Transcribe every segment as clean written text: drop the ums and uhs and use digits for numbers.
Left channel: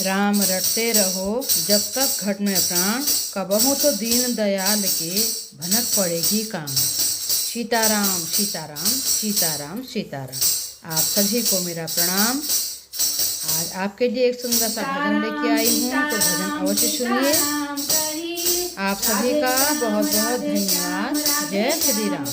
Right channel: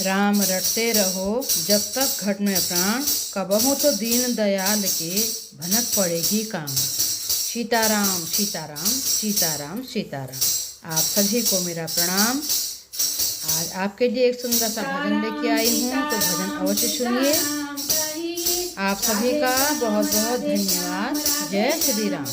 राम रटते रहो जब तक घट में प्राण, कबहू तो दीन दयाल के भनक पड़ेगी काम। सीताराम सीताराम सीताराम सीताराम। आप सभी को मेरा प्रणाम। आज आपके लिए एक सुंदर सा भजन लेके आई हूँ, तो भजन अवश्य सुनिए। आप सभी का बहुत बहुत धन्यवाद। जय श्री राम।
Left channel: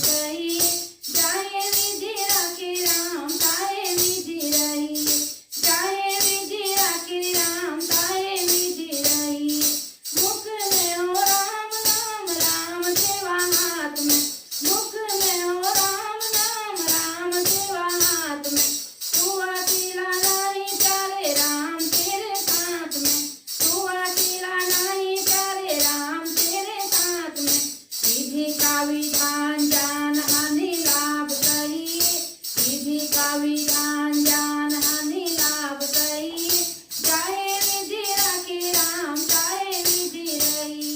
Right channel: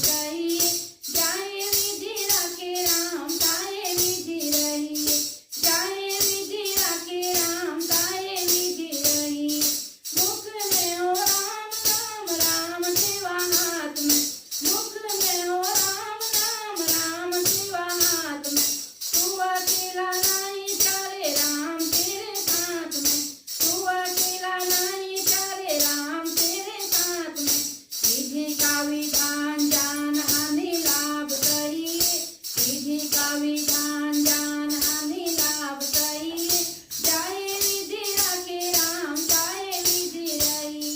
विधान जान हानि लाभ सही, विधि का विधान जान हानि लाभ सही। जाए विधि राखी राम चाहे विधि रही,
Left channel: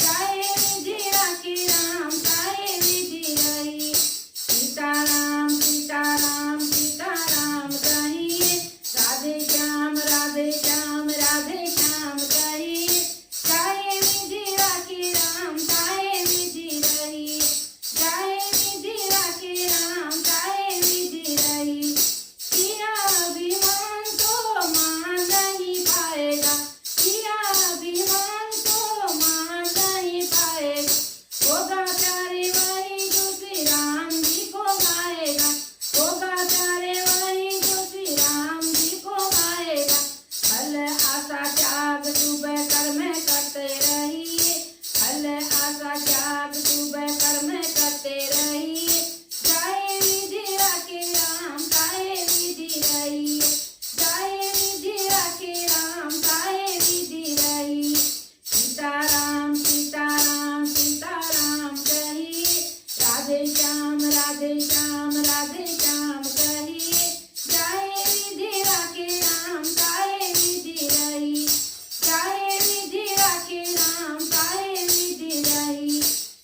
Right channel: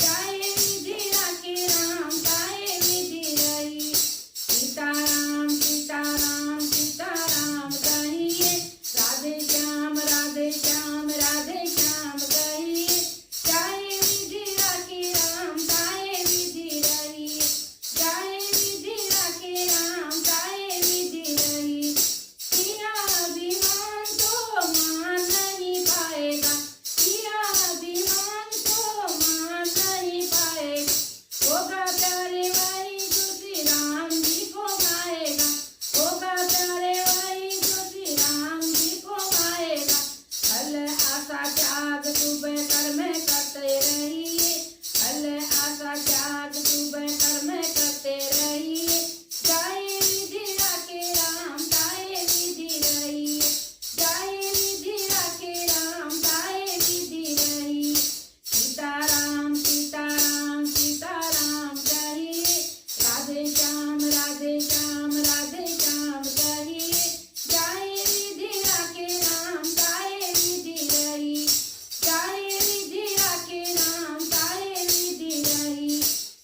जाए विधि राखी राम चाहे विधि रही। सीताराम सीताराम सीताराम कहिए, राधे श्याम राधे श्याम राधे श्याम कहिए। चाहे विधि राखी राम चाहे विधि रही, चाहे विधि राखी राम चाहे विधि रही। किया अभिमान तो मान नहीं पाएगा, किया अभिमान तो मान नहीं पाएगा। होगा प्यारे वही जो श्री राम जी को गाएगा, होगा प्यारे वही जो श्री राम जी को गाएगा। फल आशा त्याग सुबह कर्म करते रहिए, फल आशा त्याग सुबह कर्म करते रहिए। चाहे विधि राखे राम चाहे विधि रही, चाहे विधि राखे राम चाहे विधि रही। सीताराम सीताराम सीताराम कहिए, राधे श्याम राधे श्याम राधे श्याम कहिए। चाहे विधि राखे राम चाहे विधि रही, चाहे विधि राखे राम चाहे विधि रही।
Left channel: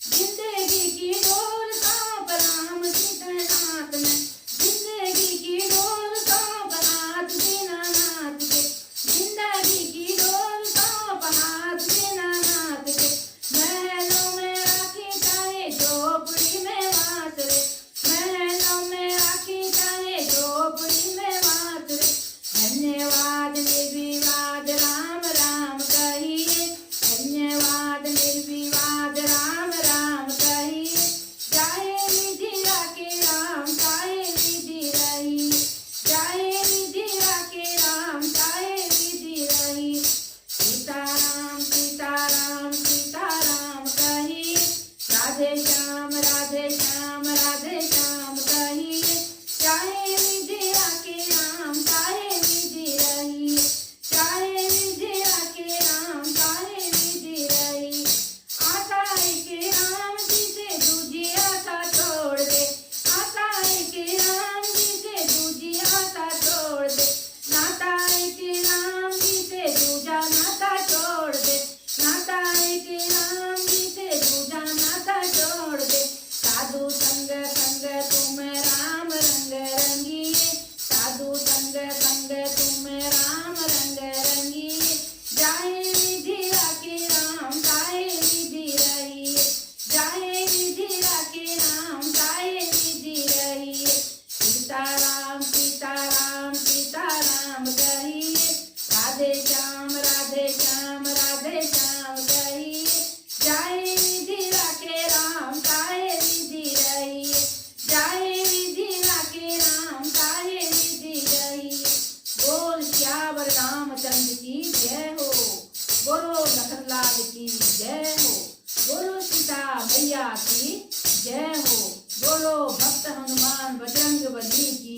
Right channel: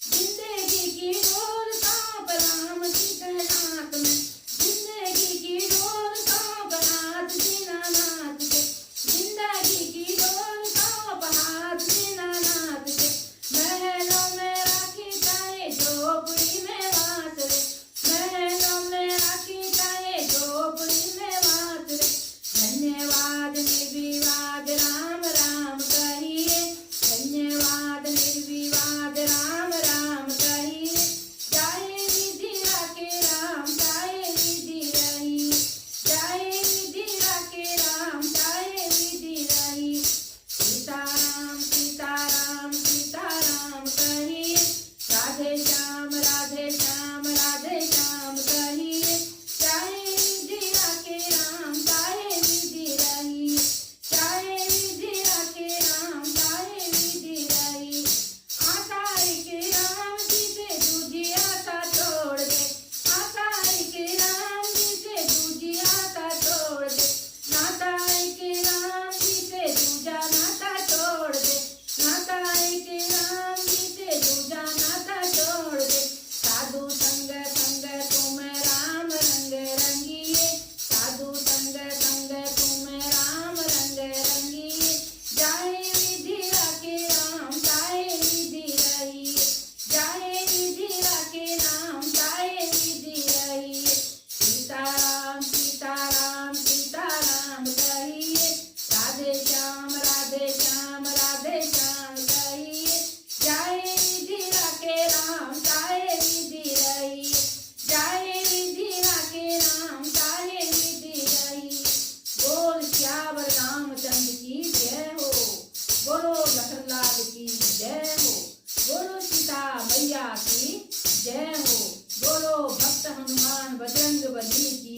जिंदगी की डोर सांप राम सीतानाथ में, जिंदगी की डोर सांप हाथ दीनानाथ के, जिंदगी की डोर सांप हाथ दीनानाथ के। महलों में राखी चाहे झोपड़ी में वास रे, महलों में राखी चाहे झोपड़ी में वास रे। धन्यवाद निर्विवाद राम राम कहिए, धन्यवाद निर्विवाद राम राम कहिए। चाहे विधि राखे राम चाहे विधि रही, चाहे विधि राखे राम चाहे विधि रही। सीताराम सीताराम सीताराम कहिए, राधे श्याम राधे श्याम राधे श्याम कहिए। चाहे विधि राखे राम चाहे विधि रही, चाहे विधि राखे राम चाहे विधि रही। आशा के राम जी से दूजी आशा छोड़ दे, आशा के राम जी से दूजी आशा छोड़ दे। नाता के राम जी से दूजा नाता छोड़ दे, नाता के राम जी से दूजा नाता छोड़ दे। साधु संग संग तुम राम रंग रंगिए, साधु संग संग तुम राम रंग रंगिए। जाए विधि राखे राम चाहे विधि रही, जाए विधि राखे राम चाहे विधि रही। सीताराम सीताराम सीताराम कहिए, राधे श्याम राधे श्याम राधे श्याम कहिए। जाए विधि राखे राम चाहे विधि रही, जाए विधि राखे राम चाहे विधि रही। बोल श्यावर रामचंद्र की जय हो, बोलो लखनलाल की जय हो, बोलो सीता मैया की जय हो, बोलो भक्त हनुमान बजरंग बली की